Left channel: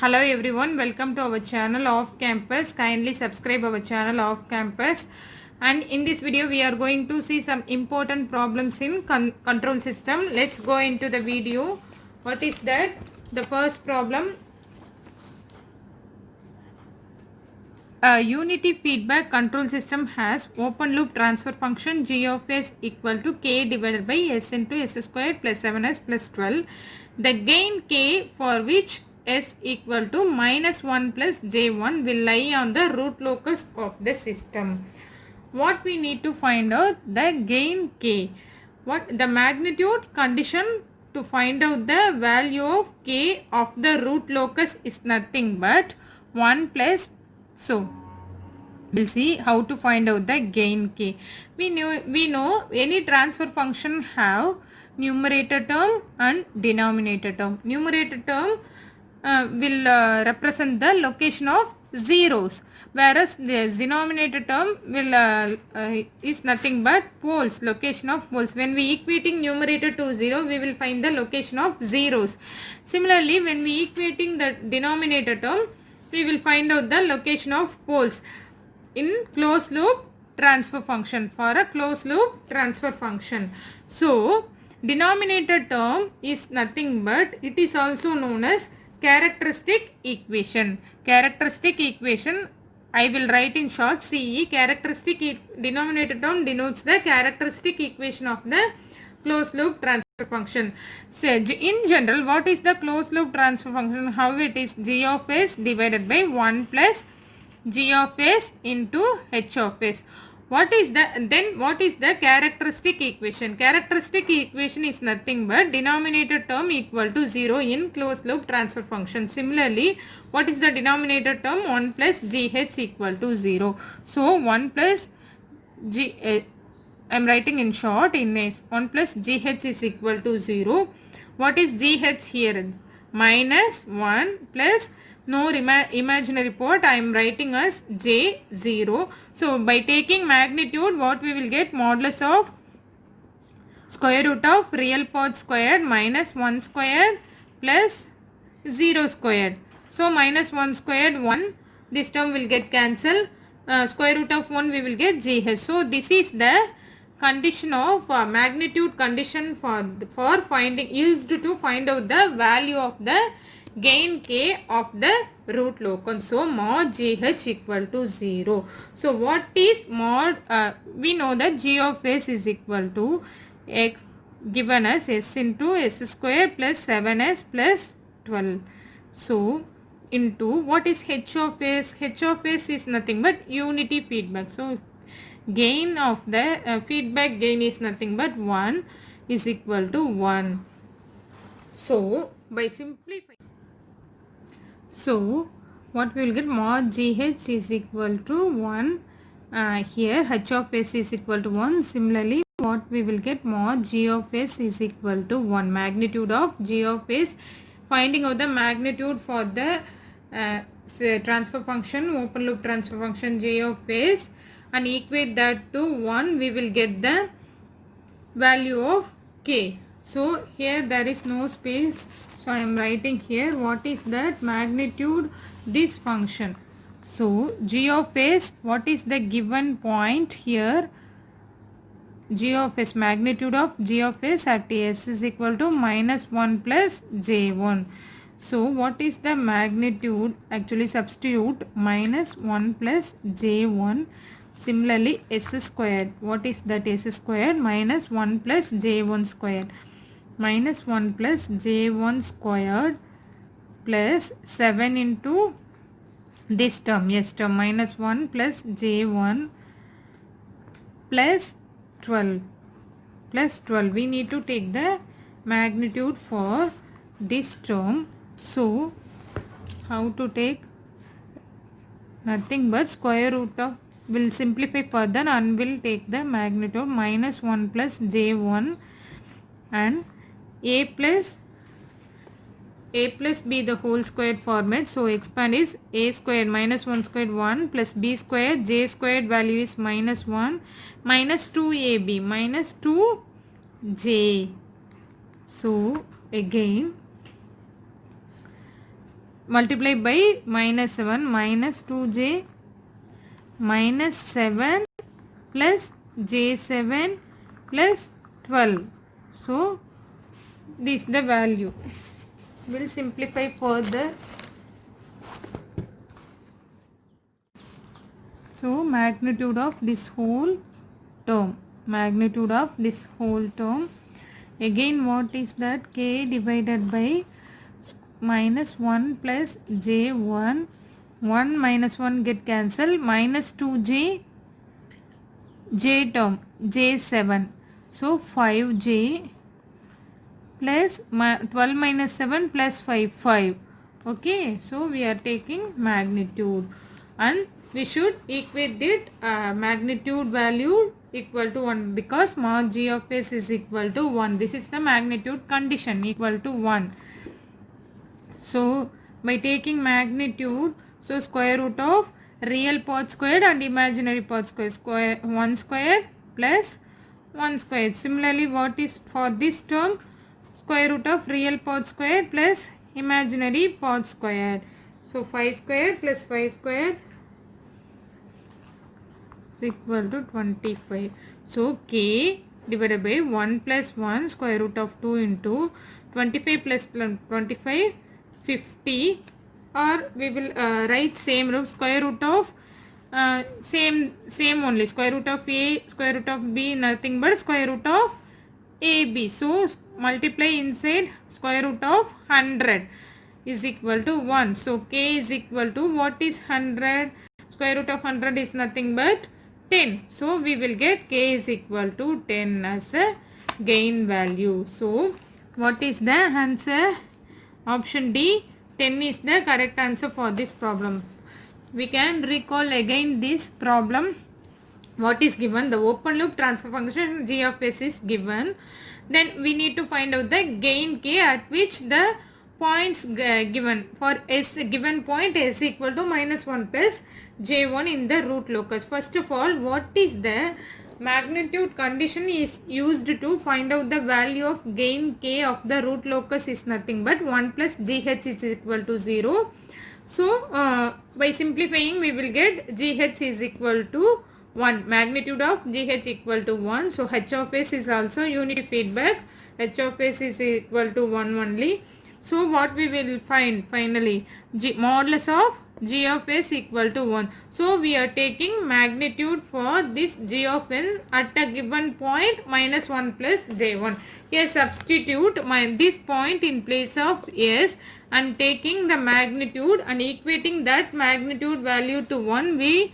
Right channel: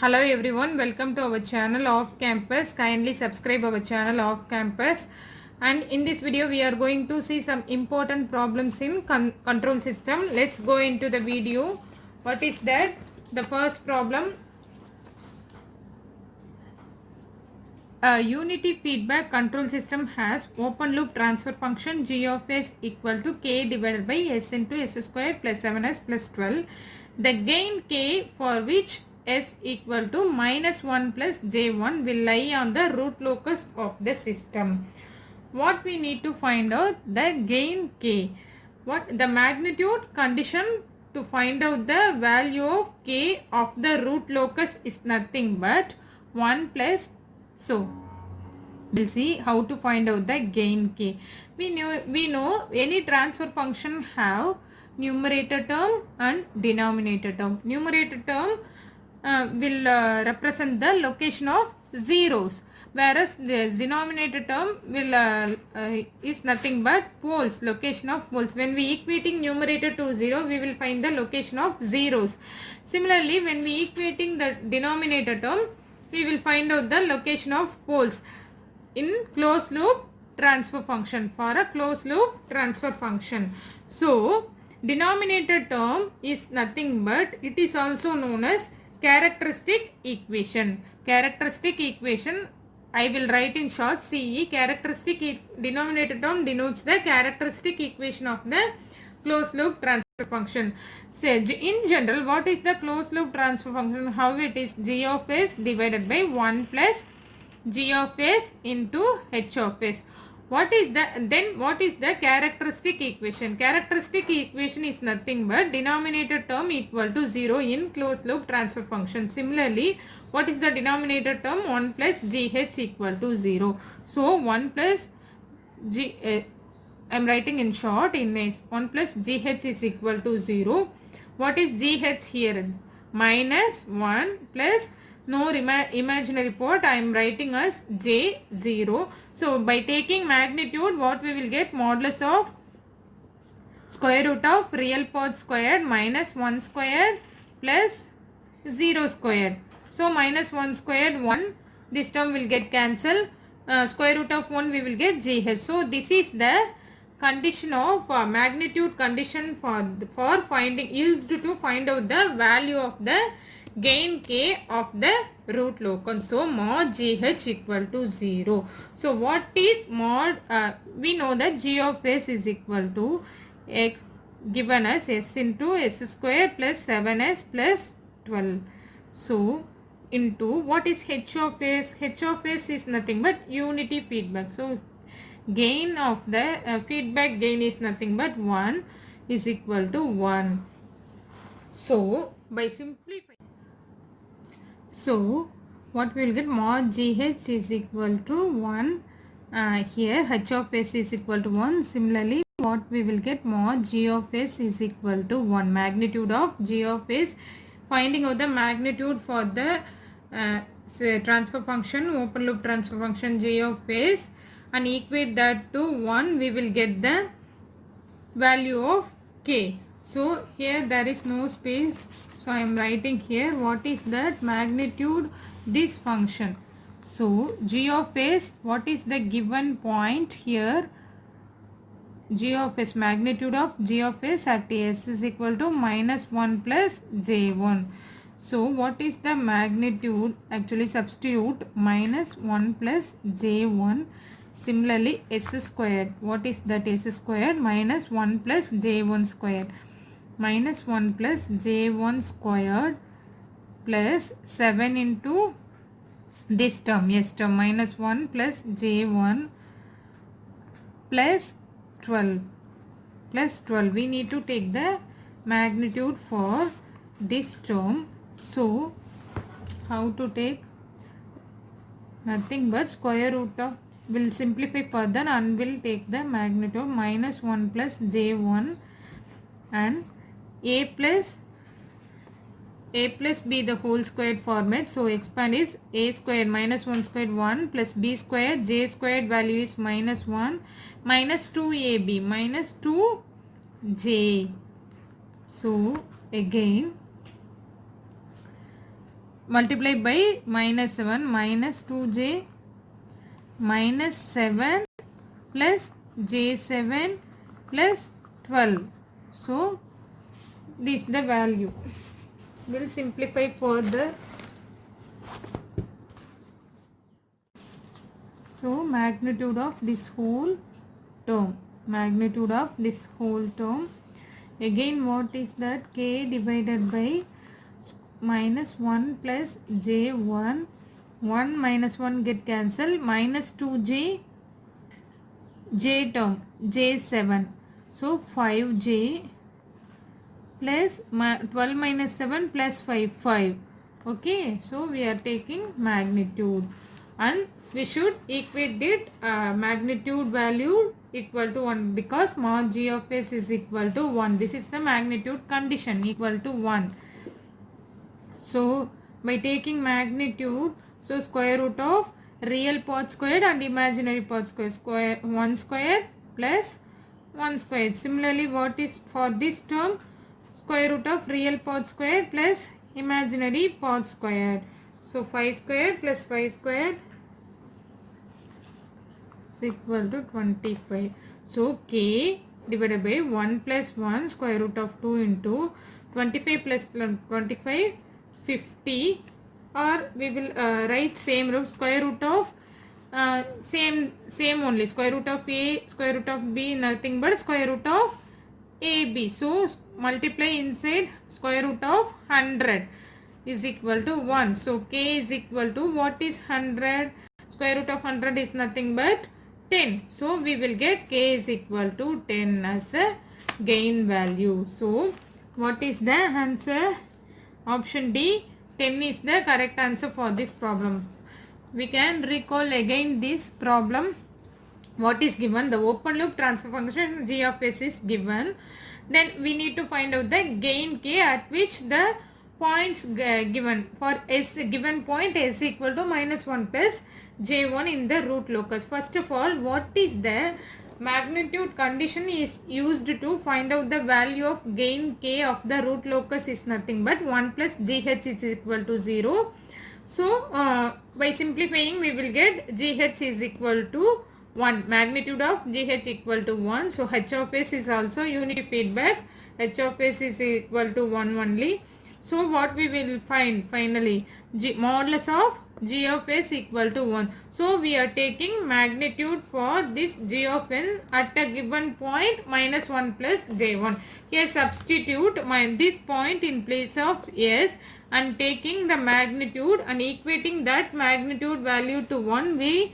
Hello everyone, welcome to our channel Off Campus. Kindly subscribe our channel Off Campus. And in this video we are going to see some important problems in control system. Let's go into the video. What is that? The first problem. A unity feedback control system has open loop transfer function g of s equal to k divided by s into s squared plus 7s plus 12. The gain k for which s equal to minus 1 plus j1 will lie on the root locus of the system. What we need to find out? The gain k. What the magnitude condition to find out the value of k of the root locus is nothing but 1 plus. So we'll see how to find out the gain k. We know any transfer function have numerator term and denominator term. Numerator term will represent the location of zeros, whereas the denominator term will is nothing but poles, location of poles. When we equating numerator to 0, we will find the location of zeros. Similarly, when we equating the denominator term, we will find out the location of poles in closed loop transfer function, for a closed loop transfer function. So denominator term is nothing but, it is also known as characteristic equation. Characteristic equation, I will write in short CE. Characteristic denominator term denotes the characteristic equation of the closed loop transfer function. So in general, what is the closed loop transfer function? How it is? G of s divided by 1 plus g of s into h of s. What is the characteristic equation? Characteristic equation is nothing but denominator term equal to 0 in closed loop transfer function. Similarly, what is the denominator term? 1 plus gh equal to 0. So 1 plus g, I am writing in short, in 1 plus gh is equal to 0. What is gh here? Minus 1 plus no imaginary part, I am writing as j0. So by taking magnitude, what we will get? Modulus of square root of real part squared minus 1 squared plus 0 squared. So minus 1 squared 1, this term will get cancelled. Square root of 1 we will get gh. So this is the condition of magnitude condition for finding, used to find out the value of the gain k of the root locus. So mod gh equal to 0. So what is mod? We know that g of s is equal to x given as s into s square plus 7s plus 12. So into what is h of s? H of s is nothing but unity feedback. So gain of the feedback gain is nothing but 1 is equal to 1. So by simplifying, so what we will get? Mod gh is equal to 1. Here h of s is equal to 1. Similarly, what we will get? Mod g of s is equal to 1. Magnitude of g of s. Finding out the magnitude for the transfer function, open loop transfer function g of s, and equate that to 1, we will get the value of k. So here there is no space, so I am writing here what is that magnitude, this function. So g of s, what is the given point here? G of s, magnitude of g of s at s is equal to minus 1 plus j1. So what is the magnitude? Actually substitute minus 1 plus j1. Similarly, s squared, what is that? S squared minus 1 plus j1 squared. Minus 1 plus j1 squared plus 7 into this term, yes term, minus 1 plus j1 plus 12 plus 12. We need to take the magnitude for this term. So how to take? Nothing but square root of, will simplify further and will take the magnitude minus 1 plus j1 and a plus b the whole squared format. So expand is a squared minus 1 squared 1 plus b squared, j squared value is minus 1 minus 2ab minus 2j. So again multiply by minus 7 minus 2j minus 7 plus j7 plus 12. So this is the value. We'll simplify further. So magnitude of this whole term. Magnitude of this whole term. Again, what is that? K divided by minus 1 plus j1. 1 minus 1 get cancelled. Minus 2j j term j7. So 5j plus 12 minus 7 plus 5. Okay, so we are taking magnitude and we should equate it magnitude value equal to 1 because mod g of s is equal to 1. This is the magnitude condition equal to 1. So by taking magnitude, so square root of real part squared and imaginary part square 1 square plus 1 square. Similarly, what is for this term? Square root of real part square plus imaginary part square. So 5 square plus 5 square is equal to 25. So k divided by 1 plus 1 square root of 2 into 25 plus 25 50, or we will write same root square root of same only square root of a square root of b nothing but square root of ab. So multiply inside square root of 100 is equal to 1. So k is equal to what is 100? Square root of 100 is nothing but 10. So we will get k is equal to 10 as a gain value. So what is the answer? Option D, 10 is the correct answer for this problem. We can recall again this problem. What is given? The open loop transfer function g of s is given. Then we need to find out the gain k at which the points given. For s given point s equal to minus 1 plus j1 in the root locus. First of all, what is the magnitude condition is used to find out the value of gain k of the root locus is nothing but 1 plus gh is equal to 0. So by simplifying we will get gh is equal to 1. Magnitude of gh equal to 1. So h of s is also unity feedback. H of s is equal to 1 only. So what we will find finally? Modulus of g of s equal to 1. So we are taking magnitude for this g of n at a given point minus 1 plus j1. Here substitute this point in place of s and taking the magnitude and equating that magnitude value to 1, we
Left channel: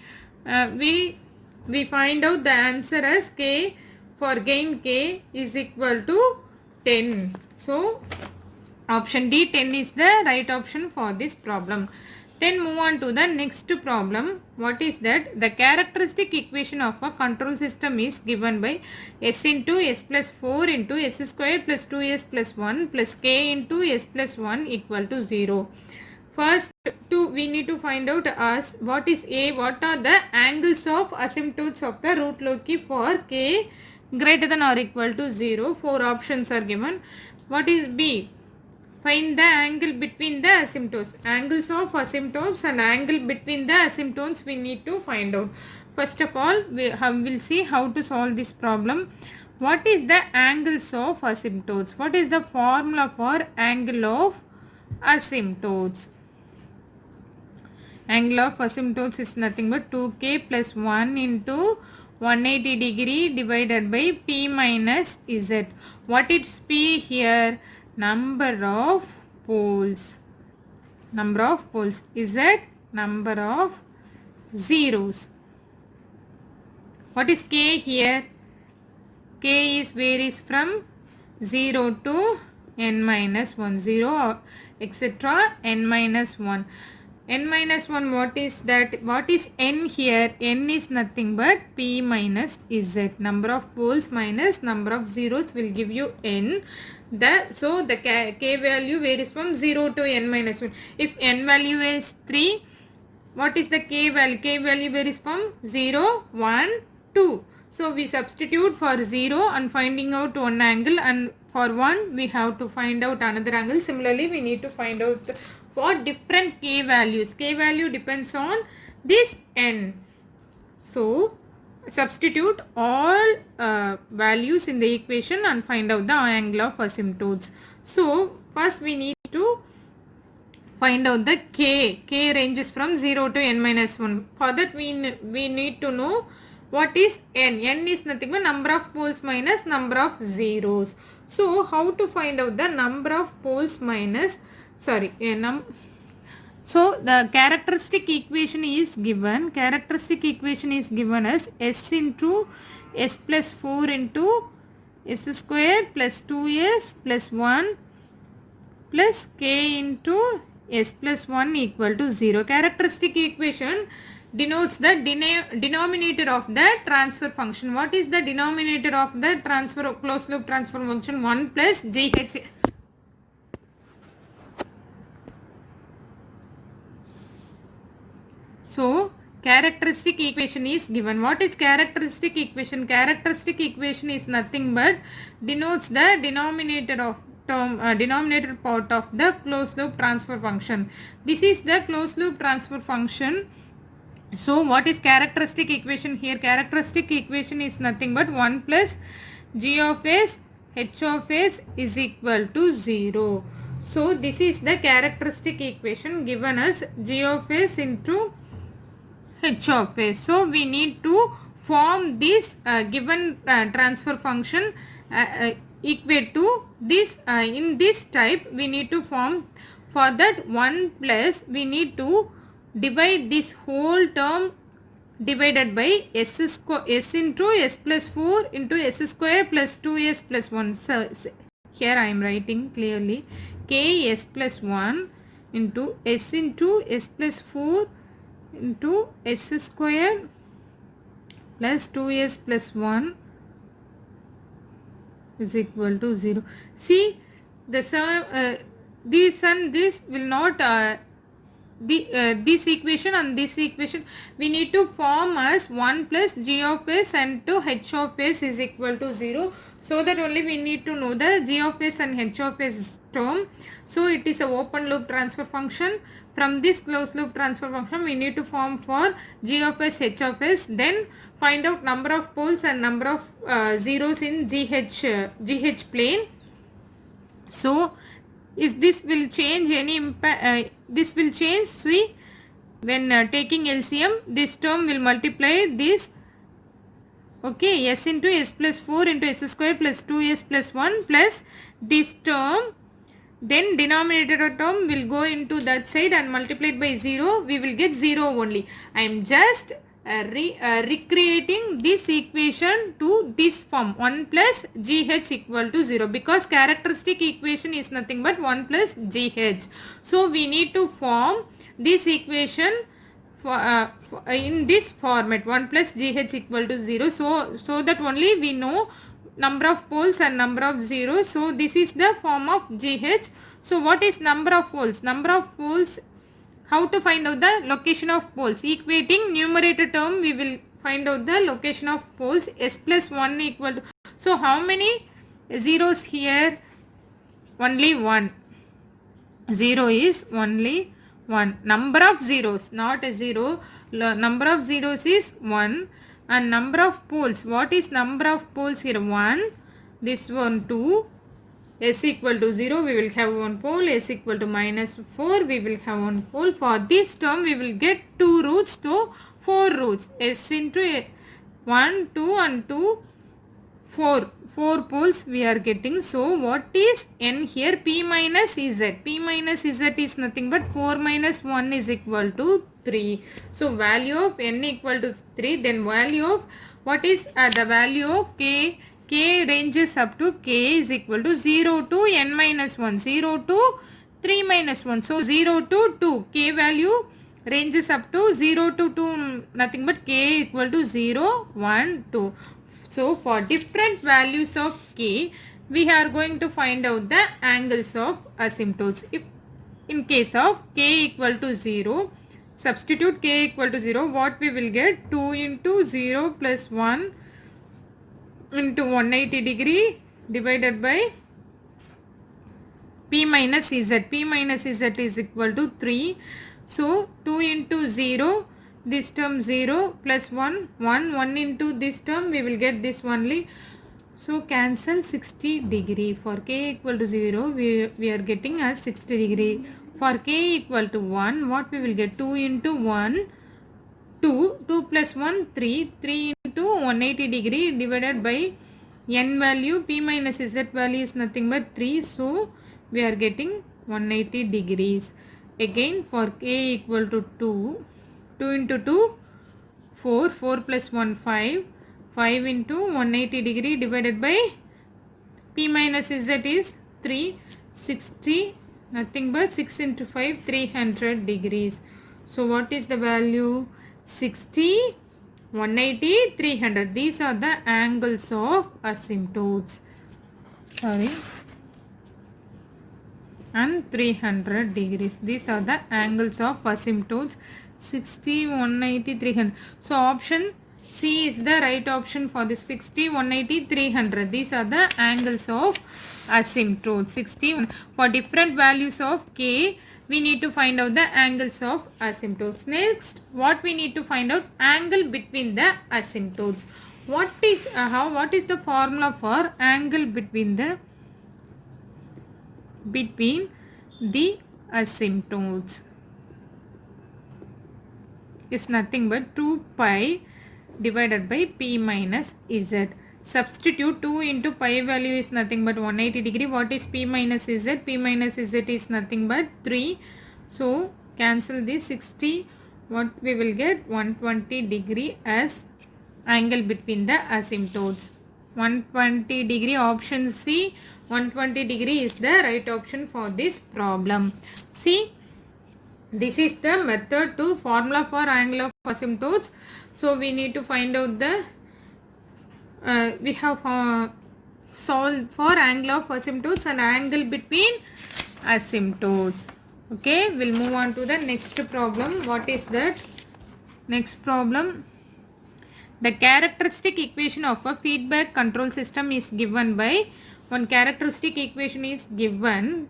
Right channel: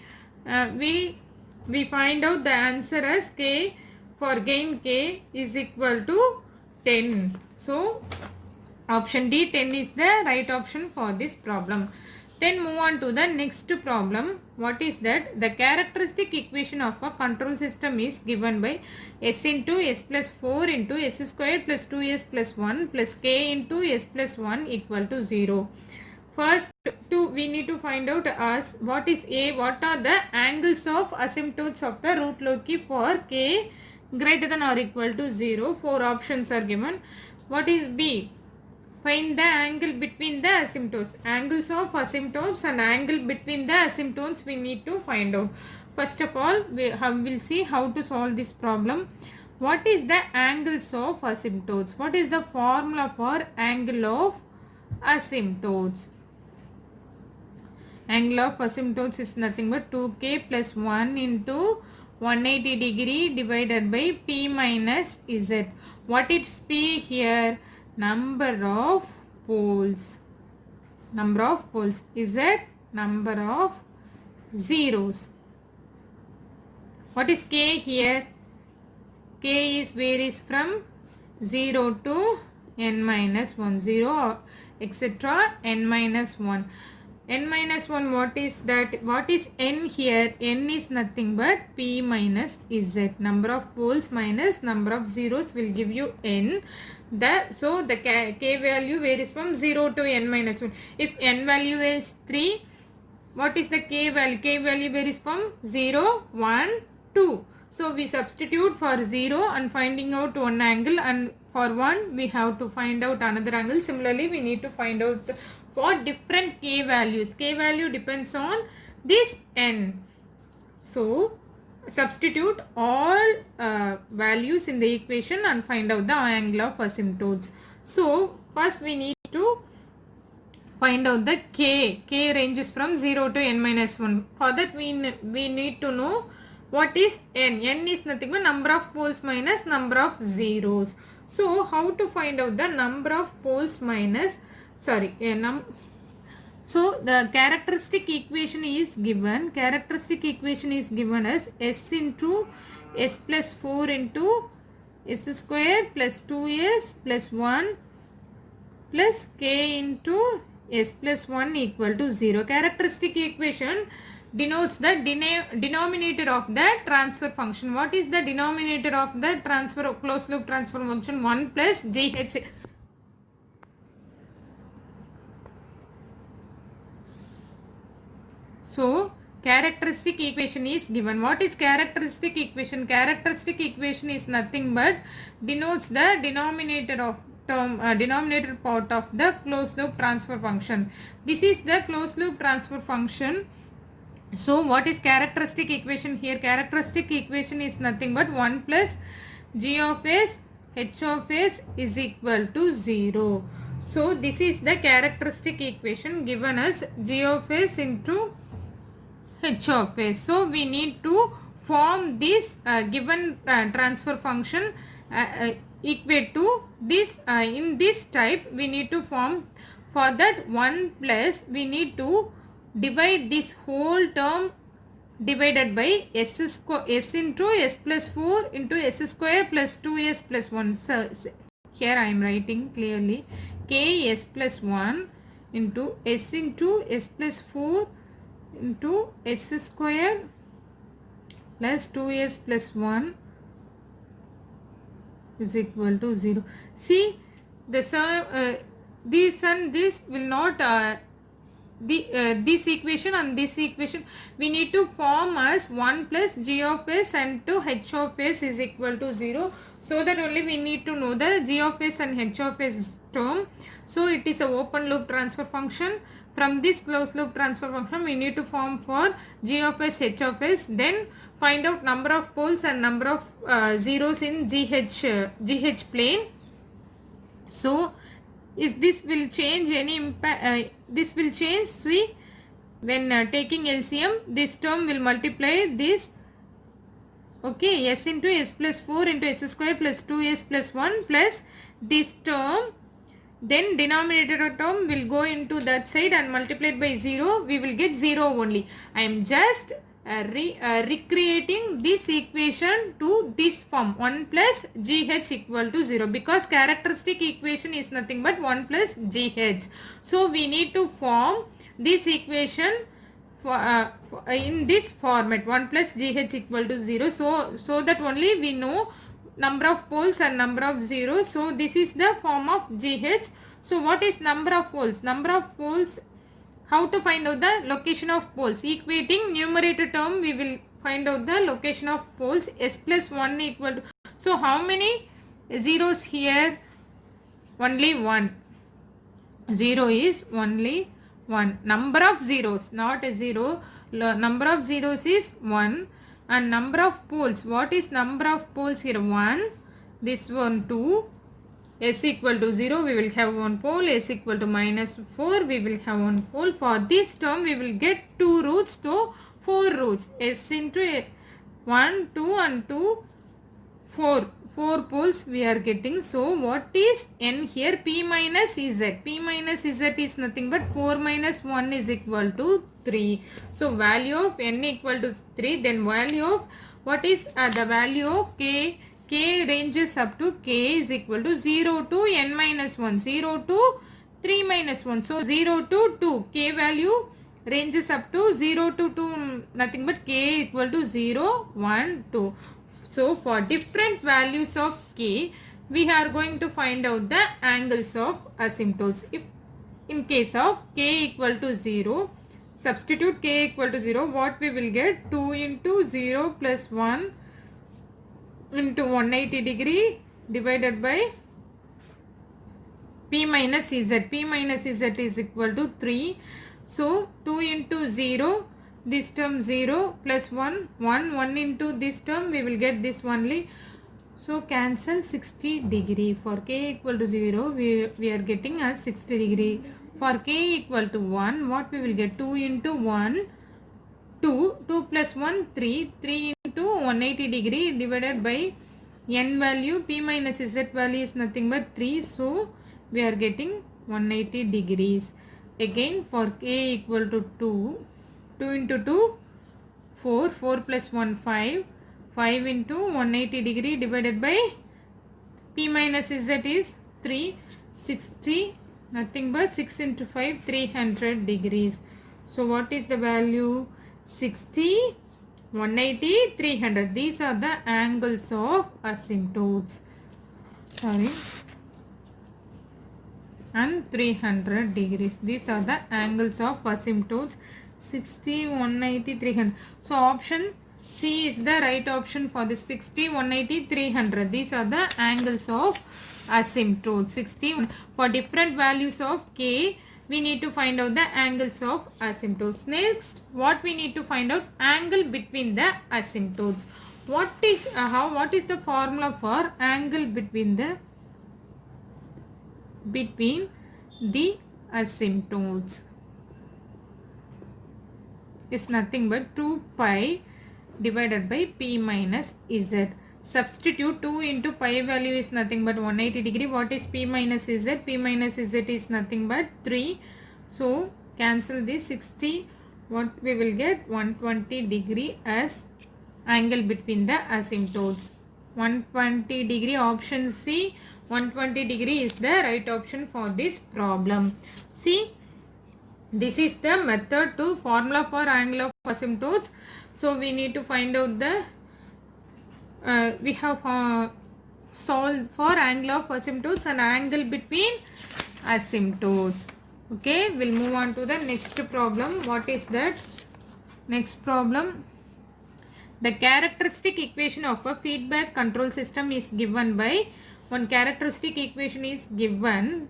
find out the answer as k for gain k is equal to 10. So option D, 10 is the right option for this problem. Then move on to the next problem. What is that? The characteristic equation of a control system is given by s into s plus 4 into s squared plus 2s plus 1 plus k into s plus 1 equal to 0. First, we need to find out as what is A, what are the angles of asymptotes of the root loci for k greater than or equal to 0. 4 options are given. What is B? Find the angle between the asymptotes. Angles of asymptotes and angle between the asymptotes we need to find out. First of all, we'll see how to solve this problem. What is the angles of asymptotes? What is the formula for angle of asymptotes? Angle of asymptotes is nothing but 2k plus 1 into 180 degree divided by p minus z. What is p here? Number of poles. Number of poles. Z, number of zeros. What is k here? K is varies from 0 to n minus 1. 0 etc. n minus 1. N minus 1, what is that? What is n here? N is nothing but p minus z. Number of poles minus number of zeros will give you n. So the k value varies from 0 to n minus 1. If n value is 3, what is the k value? K value varies from 0, 1, 2. So we substitute for 0 and finding out one angle, and For one, we have to find out another angle. Similarly, we need to find out for different k values. K value depends on this n. So, substitute all values in the equation and find out the angle of asymptotes. So, first we need to find out the k. K ranges from 0 to n minus 1. For that we need to know what is n. N is nothing but number of poles minus number of zeros. So how to find out the number of poles minus, so the characteristic equation is given. Characteristic equation is given as s into s plus 4 into s square plus 2s plus 1 plus k into s plus 1 equal to 0. Characteristic equation denotes the denominator of the transfer function. What is the denominator of the closed loop transfer function? 1 plus gh. So, characteristic equation is given. What is characteristic equation? Characteristic equation is nothing but denotes the denominator of denominator part of the closed loop transfer function. This is the closed loop transfer function. So, what is characteristic equation here? Characteristic equation is nothing but 1 plus g of s h of s is equal to 0. So, this is the characteristic equation given as g of s into h of s. So, we need to form this given transfer function equate to this in this type. We need to form, for that 1 plus we need to divide this whole term divided by s into s plus 4 into s square plus 2s plus 1. So, here I am writing clearly k s plus 1 into s plus 4 into s square plus 2s plus 1 is equal to 0. See, this and this will not this equation and this equation we need to form as 1 plus g of s and to h of s is equal to 0. So that only we need to know the g of s and h of s term. So it is a open loop transfer function. From this closed loop transfer function we need to form for g of s, h of s, then find out number of poles and number of zeros in GH plane. So, if this will change any impact, this will change. See, when taking LCM, this term will multiply this. Okay, s into s plus 4 into s square plus 2s plus 1 plus this term. Then denominator term will go into that side and multiplied by 0. We will get 0 only. I am just recreating this equation to this form 1 plus gh equal to 0 because characteristic equation is nothing but 1 plus gh. So we need to form this equation in this format 1 plus gh equal to 0. So that only we know number of poles and number of zeros. So this is the form of gh. So what is number of poles? Number of poles. How to find out the location of poles? Equating numerator term, we will find out the location of poles. S plus 1 equal to. So how many zeros here? Only 1. 0 is only 1. Number of zeros, not a 0. Number of zeros is 1. And number of poles. What is number of poles here? 1. This one 2. S equal to 0, we will have 1 pole. S equal to minus 4, we will have 1 pole. For this term, we will get 2 roots to 4 roots. S into 1, 2 and 2, 4. 4 poles we are getting. So, what is n here? P minus Z. P minus Z is nothing but 4 minus 1 is equal to 3. So, value of n equal to 3. Then value of, what is the value of k? K ranges up to k is equal to 0 to n minus 1, 0 to 3 minus 1. So, 0 to 2. K value ranges up to 0 to 2, nothing but k equal to 0, 1, 2. So, for different values of k, we are going to find out the angles of asymptotes. If in case of k equal to 0, substitute k equal to 0, what we will get? 2 into 0 plus 1 into 180 degree divided by P minus Z. P minus Z is equal to 3. So 2 into 0, this term 0 plus 1, 1 into this term, we will get this only. So cancel 60 degree. For k equal to 0, we are getting as 60 degree. For k equal to 1, what we will get? 2 into 1, 2, 2 plus 1, 3, 3 into 180 degree divided by n value, p minus z value is nothing but 3. So we are getting 180 degrees. Again for k equal to 2, 2 into 2, 4, 4 plus 1, 5, 5 into 180 degree divided by p minus z is 3, 60, nothing but 6 into 5, 300 degrees. So what is the value? 60, 180, 300. These are the angles of asymptotes. Sorry. And 300 degrees. These are the angles of asymptotes. 60, 180, 300. So option C is the right option for this. 60, 180, 300. These are the angles of asymptotes. 60. For different values of k, we need to find out the angles of asymptotes. Next, what we need to find out? Angle between the asymptotes. What is the formula for angle between the asymptotes? Is nothing but 2 pi divided by p minus z. Substitute 2 into pi value is nothing but 180 degree. What is p minus z? P minus z is nothing but 3. So cancel this 60. What we will get? 120 degree as angle between the asymptotes. 120 degree, option C. 120 degree is the right option for this problem. See, this is the method to formula for angle of asymptotes. So we need to find out the we have solved for angle of asymptotes and angle between asymptotes. Okay, we'll move on to the next problem. What is that? Next problem. The characteristic equation of a feedback control system is given by, one characteristic equation is given.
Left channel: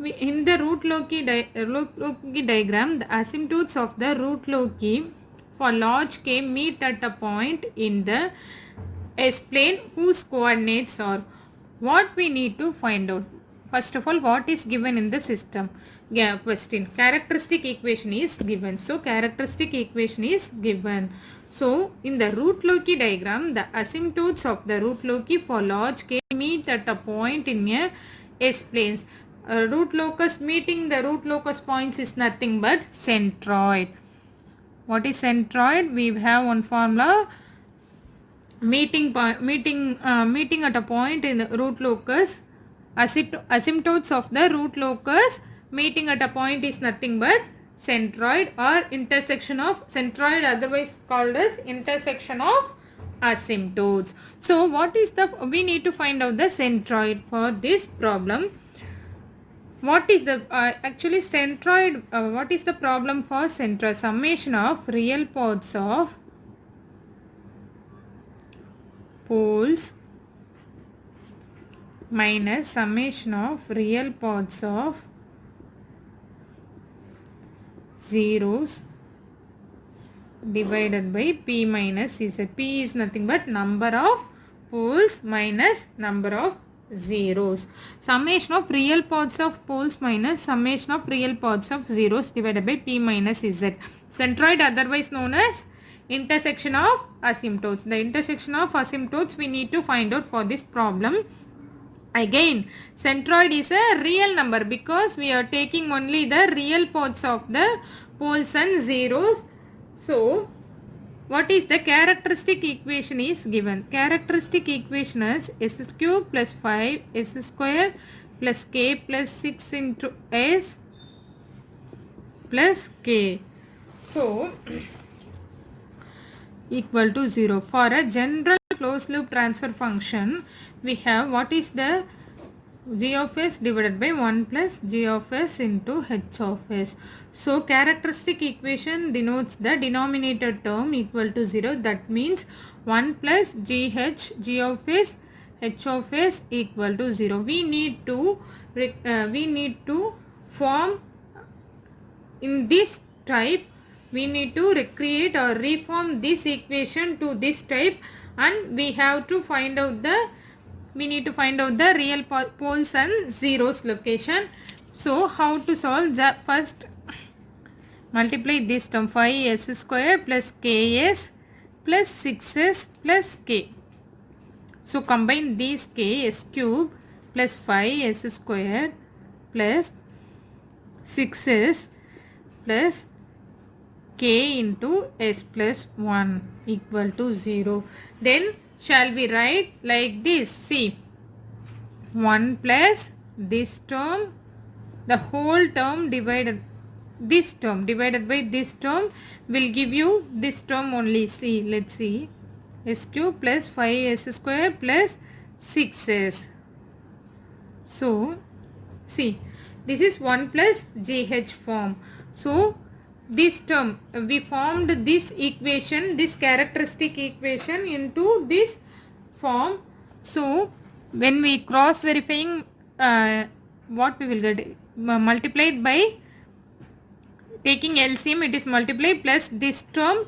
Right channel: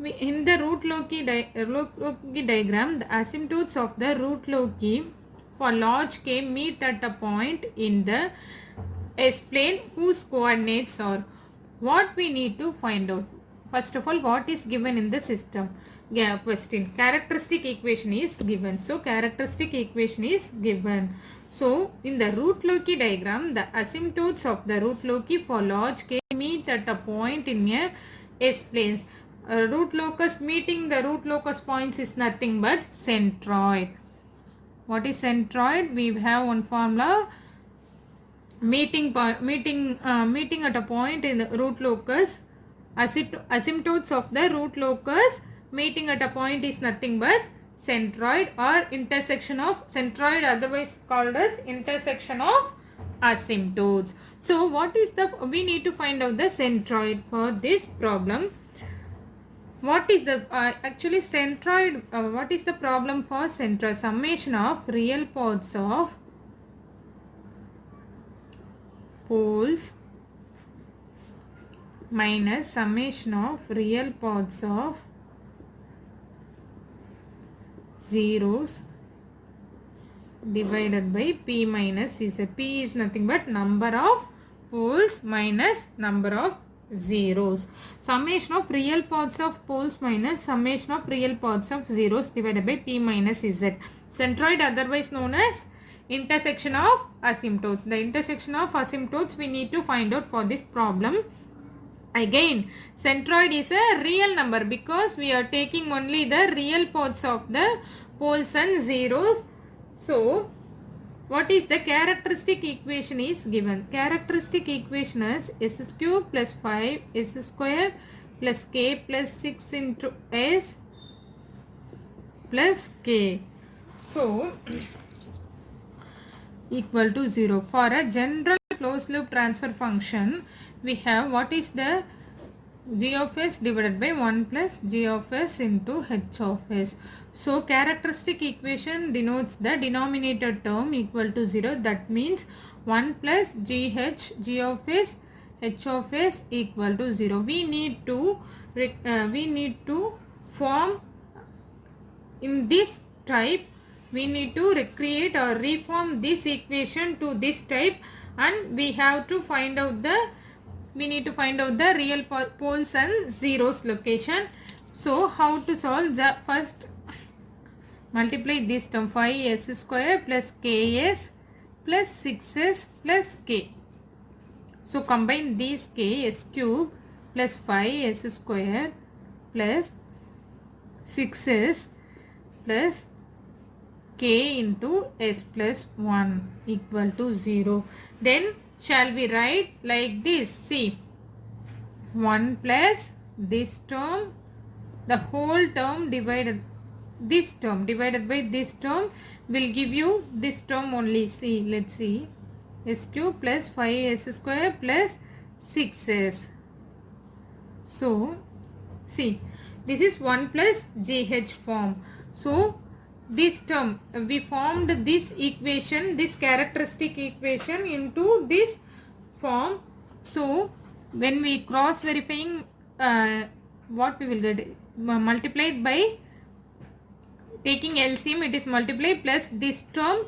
In the root loci diagram, the asymptotes of the root loci for large k meet at a point in the S-plane whose coordinates are. What we need to find out? First of all, what is given in the system? Yeah, question. Characteristic equation is given. So, characteristic equation is given. So, in the root loci diagram, the asymptotes of the root loci for large k meet at a point in a S-planes. Root locus meeting the root locus points is nothing but centroid. What is centroid? We have one formula. Meeting at a point in the root locus. Asymptotes of the root locus meeting at a point is nothing but centroid or intersection of centroid, otherwise called as intersection of asymptotes. So what is the, we need to find out the centroid for this problem. What is the actually centroid, what is the problem for centroid? Summation of real parts of poles minus summation of real parts of zeros divided by p minus z. P is nothing but number of poles minus number of zeros. Summation of real parts of poles minus summation of real parts of zeros divided by p minus z. Centroid, otherwise known as intersection of asymptotes. The intersection of asymptotes we need to find out for this problem. Again, centroid is a real number because we are taking only the real parts of the poles and zeros. So, what is the characteristic equation is given? Characteristic equation is s cube plus 5 s square plus k plus 6 into s plus k. So, equal to 0. For a general closed loop transfer function, we have what is the g of s divided by 1 plus g of s into h of s. So, characteristic equation denotes the denominator term equal to 0. That means 1 plus g of s, h of s equal to 0. We need to we need to form in this type, we need to recreate or reform this equation to this type, and we have to find out the real poles and zeros location. So how to solve the first? Multiply this term 5s square plus ks plus 6s plus k. So combine these k, s cube plus 5s square plus 6s plus k into s plus 1 equal to 0. Then shall we write like this? See, 1 plus this term, the whole term divided this term divided by this term will give you this term only. See, let's see, s cube plus 5s square plus 6s. So see, this is 1 plus gh form. So this term, we formed this equation, this characteristic equation into this form. So when we cross verifying, what we will get? Multiplied by taking LCM, it is multiplied plus this term,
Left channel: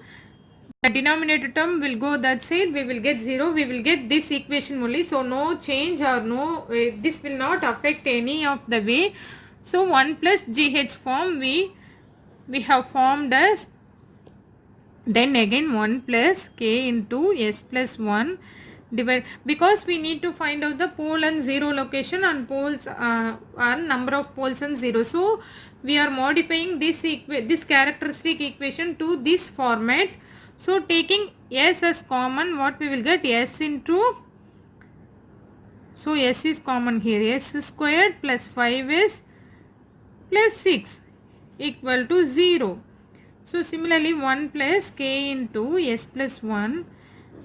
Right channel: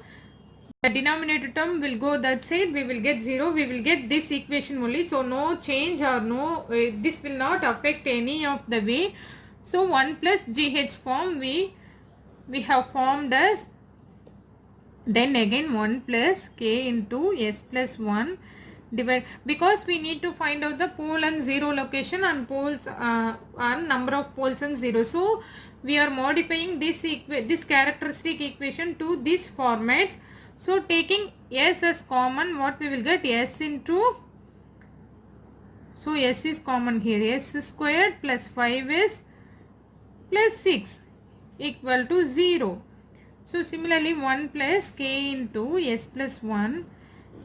the denominator term will go that side, we will get 0, we will get this equation only. So no change or no, this will not affect any of the way. So 1 plus gh form we have formed as, then again 1 plus k into s plus 1 divide, because we need to find out the pole and zero location and poles and number of poles and zero. So we are modifying this characteristic equation to this format. So taking s as common, what we will get? S into, so s is common here, s squared plus 5s plus 6 equal to 0. So similarly 1 plus k into s plus 1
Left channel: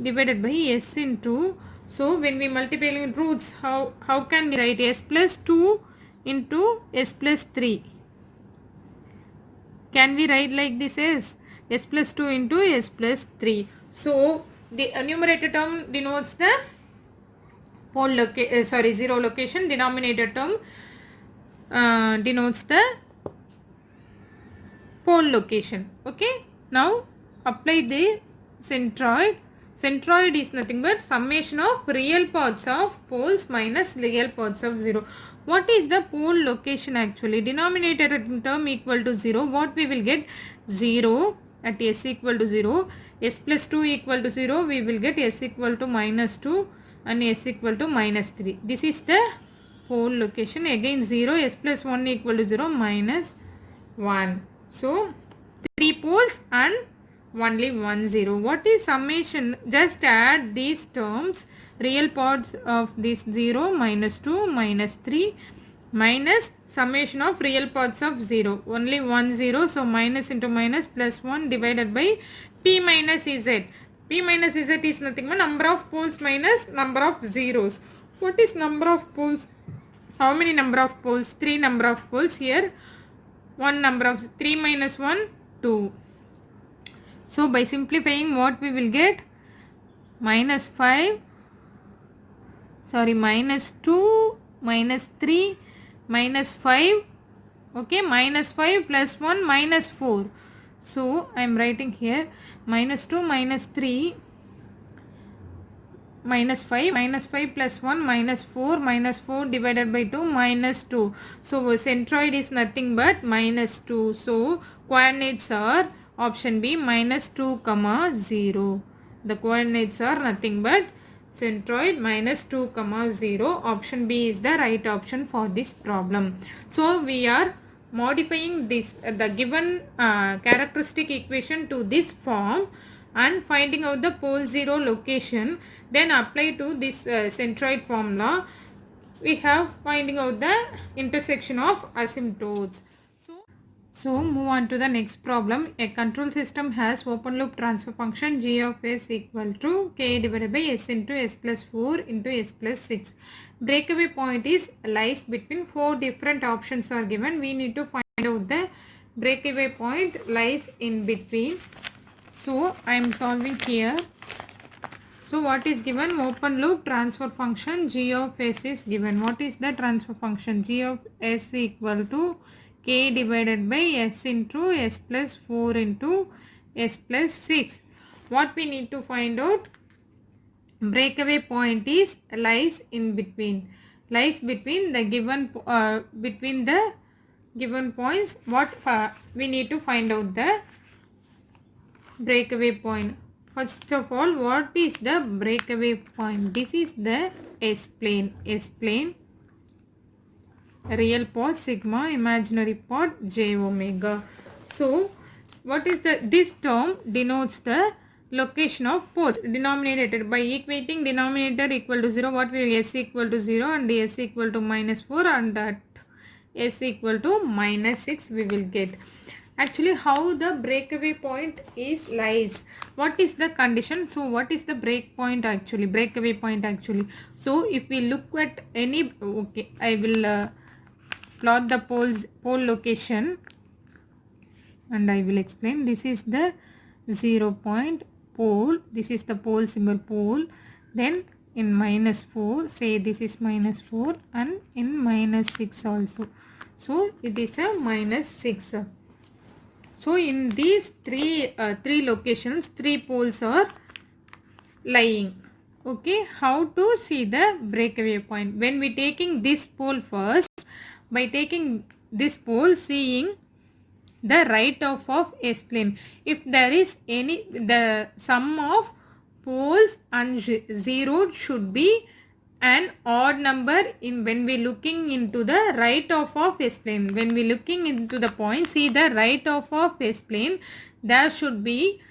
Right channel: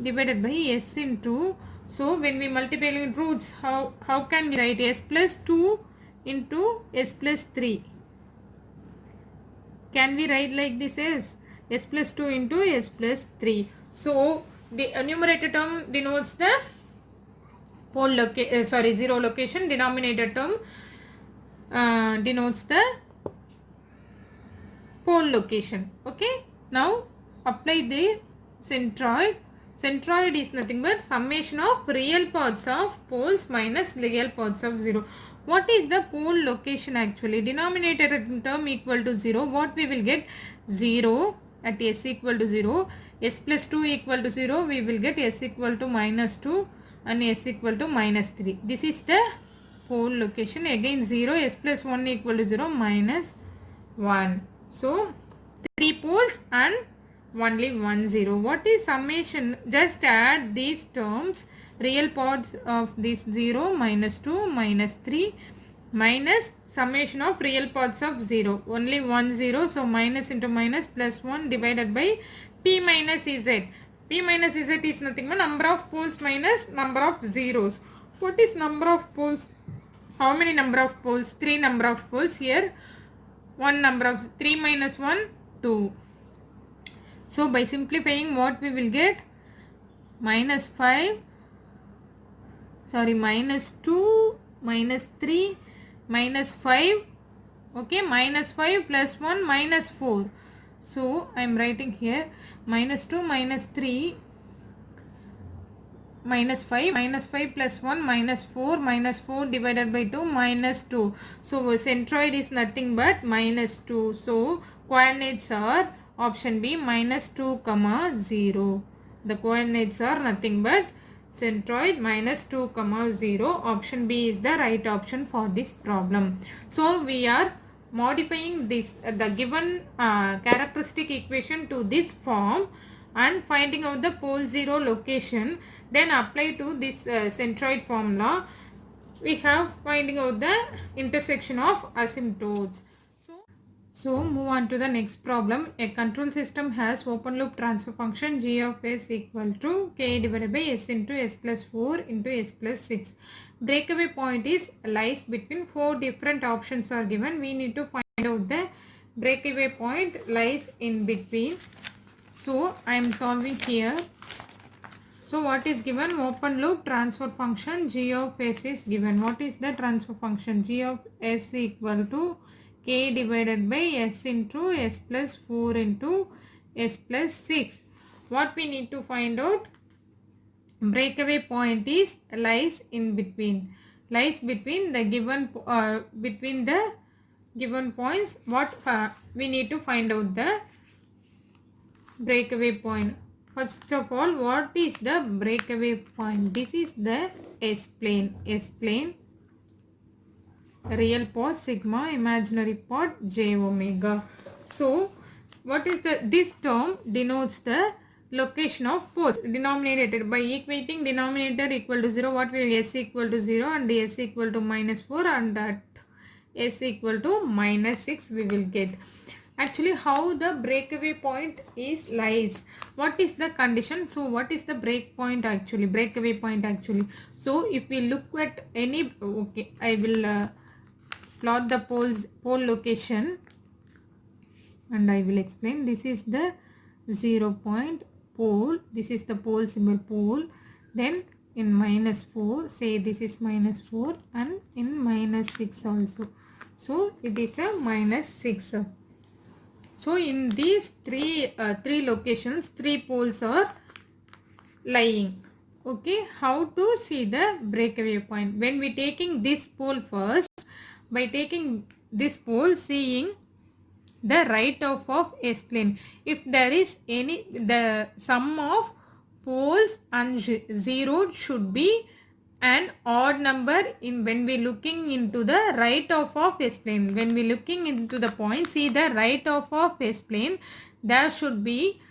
divided by s into, so when we multiply in roots, how can we write? S plus 2 into s plus 3. Can we write like this as s plus 2 into s plus 3? So the numerator term denotes the pole zero location, denominator term denotes the pole location. Okay, now apply the centroid. Centroid is nothing but summation of real parts of poles minus real parts of 0. What is the pole location actually? Denominator term equal to 0. What we will get? 0 at s equal to 0. S plus 2 equal to 0. We will get s equal to minus 2 and s equal to minus 3. This is the pole location. Again 0, s plus 1 equal to 0, minus 1. So 3 poles and only 1 0. What is summation? Just add these terms, real parts of this 0, minus 2, minus 3, minus summation of real parts of 0. Only 1 0. So minus into minus plus 1 divided by p minus z. P minus z is nothing but number of poles minus number of zeros. What is number of poles? How many number of poles? 3 number of poles here. 1 number of 3 minus 1, 2. So by simplifying, what we will get? Minus 5, sorry, minus 2, minus 3, minus 5, okay, minus 5 plus 1, minus 4. So I am writing here minus 2, minus 3, minus 5 plus 1, minus 4 divided by 2, minus 2. So centroid is nothing but minus 2. So coordinates are option B, minus 2 comma 0. The coordinates are nothing but centroid minus 2 comma 0. Option B is the right option for this problem. So we are modifying this the given characteristic equation to this form and finding out the pole 0 location. Then apply to this centroid formula. We have finding out the intersection of asymptotes. So move on to the next problem. A control system has open loop transfer function g of s equal to k divided by s into s plus 4 into s plus 6. Breakaway point is lies between 4 different options are given. We need to find out the breakaway point lies in between. So I am solving here. So what is given? Open loop transfer function g of s is given. What is the transfer function? G of s equal to k divided by s into s plus 4 into s plus 6. What we need to find out? Breakaway point is lies in between. Lies between the given between the given points. What we need to find out the breakaway point. First of all, what is the breakaway point? This is the S-plane. S-plane, real part sigma, imaginary part j omega. So, what is this term denotes the location of poles. Denominator, by equating denominator equal to 0, what will s equal to 0 and s equal to minus 4 and at s equal to minus 6 we will get. Actually, how the breakaway point is lies. What is the condition? So, what is the break point actually? Breakaway point actually. So, if we look at any, okay, I will plot the pole location and I will explain. This is the 0 point pole. This is the pole symbol pole. Then in minus 4, say this is minus 4 and in minus 6 also. So, it is a minus 6. So in these three locations, 3 poles are lying. Okay, how to see the breakaway point? When we taking this pole first, by taking this pole, seeing the right of S-plane. If there is any, the sum of poles and zero should be an odd number in when we looking into the right of S-plane. When we looking into the point, see the right of S-plane, there should be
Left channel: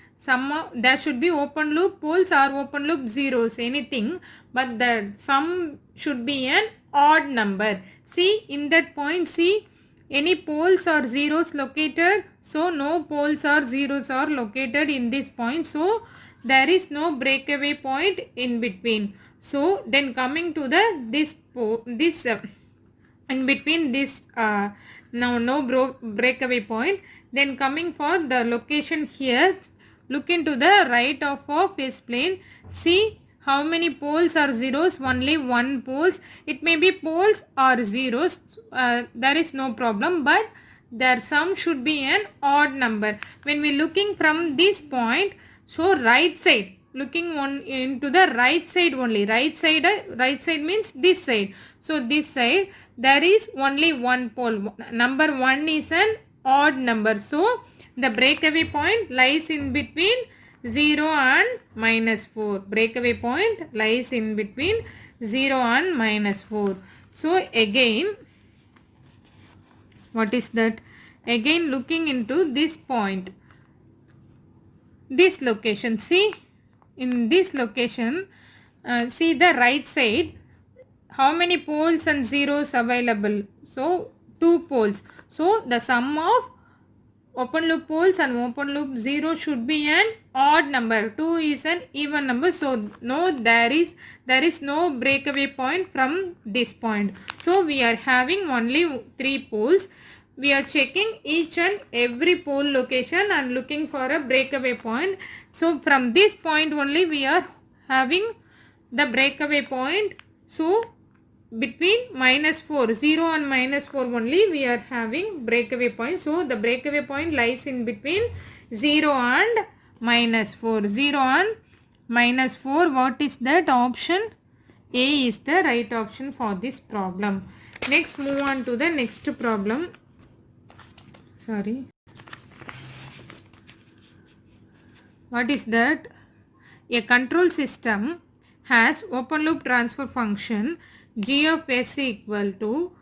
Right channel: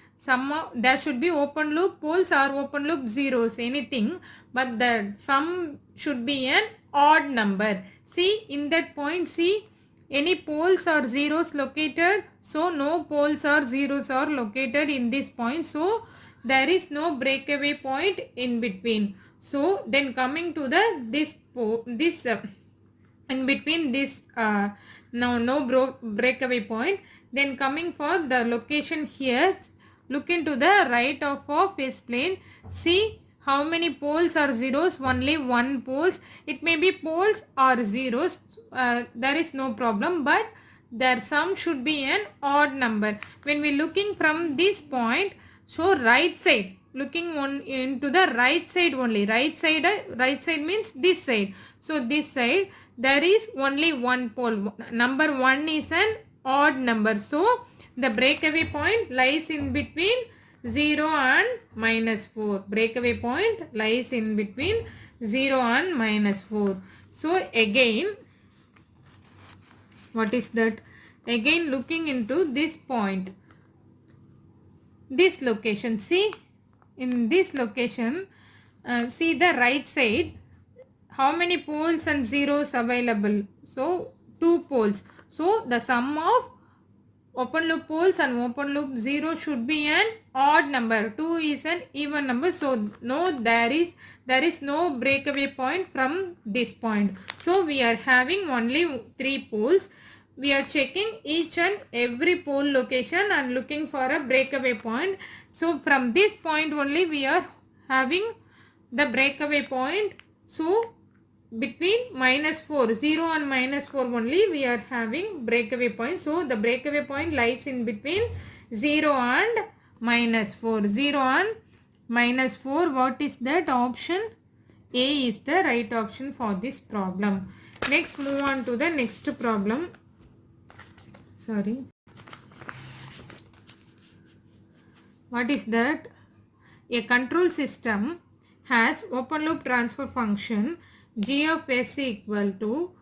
there should be open loop poles or open loop zeros, anything, but the sum should be an odd number. See in that point, see any poles or zeros located? So no poles or zeros are located in this point. So there is no breakaway point in between. So then coming to the in between this no breakaway point. Then coming for the location here, look into the right of S-plane. See how many poles are zeros? Only one poles. It may be poles or zeros. There is no problem, but their sum should be an odd number. When we looking from this point, so right side, looking on into the right side only. Right side means this side. So this side there is only one pole. Number 1 is an odd number. So the breakaway point lies in between 0 and minus 4. Breakaway point lies in between 0 and minus 4. So again, what is that? Again looking into this point, this location. See in this location, see the right side, how many poles and zeros available? So 2 poles. So the sum of open loop poles and open loop zero should be an odd number. 2 is an even number. So no, there is no breakaway point from this point. So we are having only 3 poles. We are checking each and every pole location and looking for a breakaway point. So from this point only we are having the breakaway point. So between minus 4, 0 and minus 4 only we are having breakaway point. So the breakaway point lies in between 0 and minus 4. 0 and minus 4, what is that option? A is the right option for this problem. Next, move on to the next problem. Sorry. What is that? A control system has open loop transfer function g of s equal to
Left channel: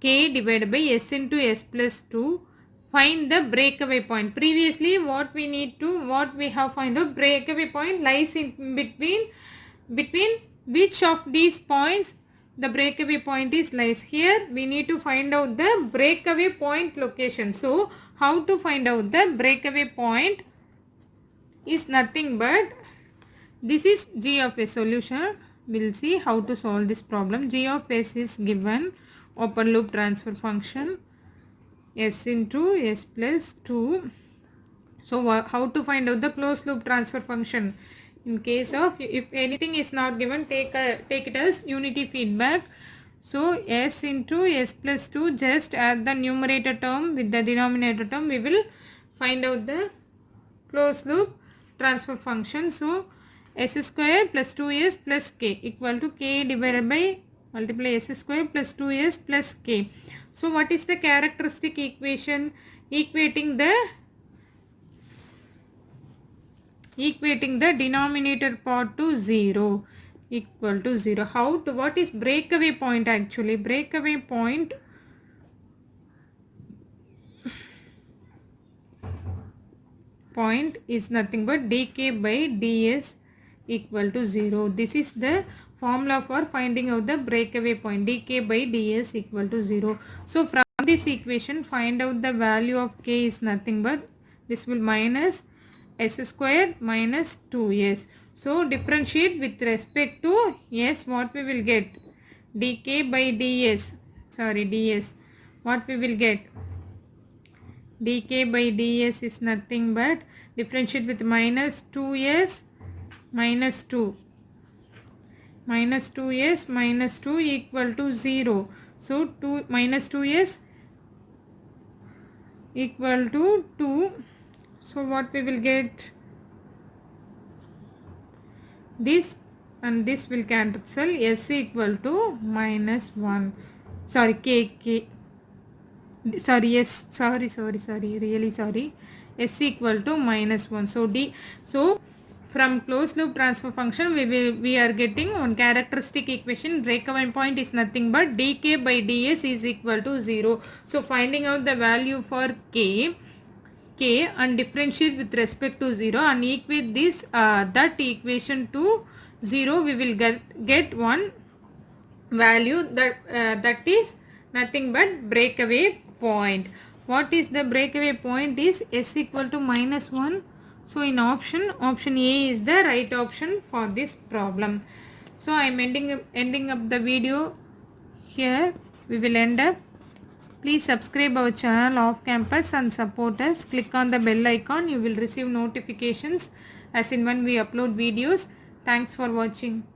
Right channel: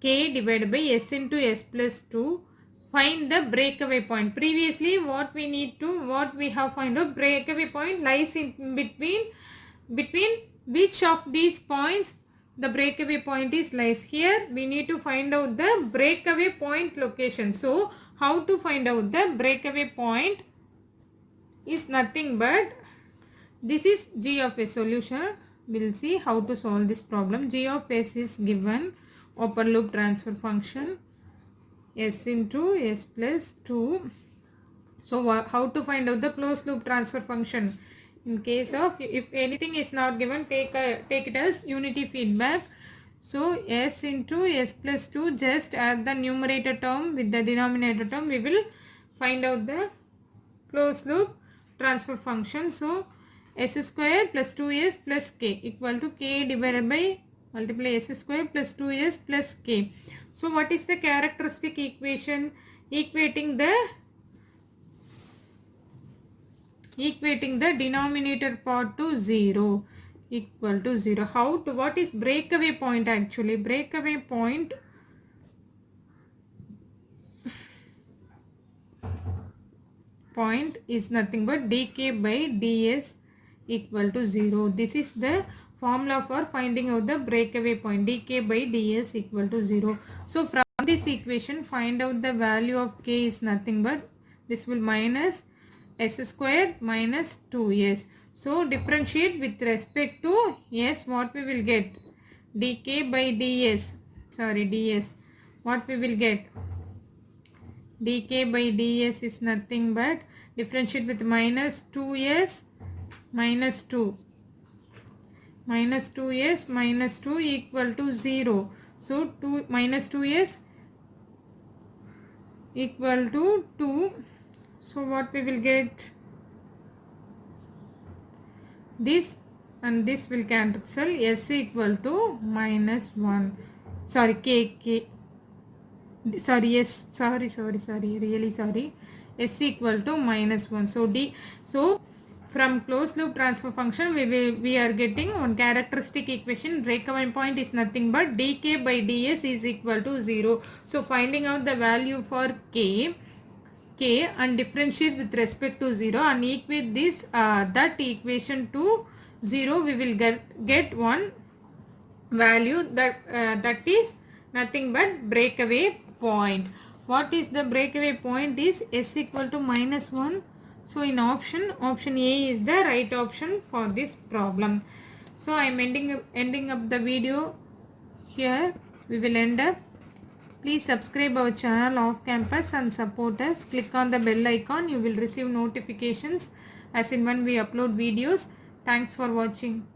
k divided by s into s plus 2. Find the breakaway point. Previously what we have find out, breakaway point lies in between which of these points the breakaway point is lies. Here we need to find out the breakaway point location. So how to find out the breakaway point is nothing but this is g of s solution. We'll see how to solve this problem. G of s is given open loop transfer function s into s plus 2. So how to find out the closed loop transfer function? In case of if anything is not given, take it as unity feedback. So s into s plus 2, just add the numerator term with the denominator term, we will find out the closed loop transfer function. So s square plus 2s plus k equal to k divided by multiply s square plus 2s plus k. So what is the characteristic equation? Equating the denominator part to 0 equal to 0. How to, what is breakaway point actually? Breakaway point is nothing but dk by ds equal to 0. This is the formula for finding out the breakaway point, dk by ds equal to 0. So from this equation, find out the value of k is nothing but this will minus s square minus 2s. So differentiate with respect to s, what we will get? Dk by ds, ds, what we will get? Dk by ds is nothing but differentiate with minus 2s minus 2. Minus 2s minus 2 equal to 0. So 2 minus 2s equal to 2. So what we will get? This and this will cancel. S equal to minus 1. Sorry, k. Sorry, yes. Sorry. Really sorry. S equal to minus 1. So from closed loop transfer function, we are getting one characteristic equation. Breakaway point is nothing but dk by ds is equal to 0. So finding out the value for k and differentiate with respect to 0 and equate this that equation to 0, we will get one value that is nothing but breakaway point. What is the breakaway point? Is s equal to minus 1. So in option A is the right option for this problem. So I am ending up the video here. We will end up. Please subscribe our channel Off Campus and support us. Click on the bell icon. You will receive notifications as in when we upload videos. Thanks for watching.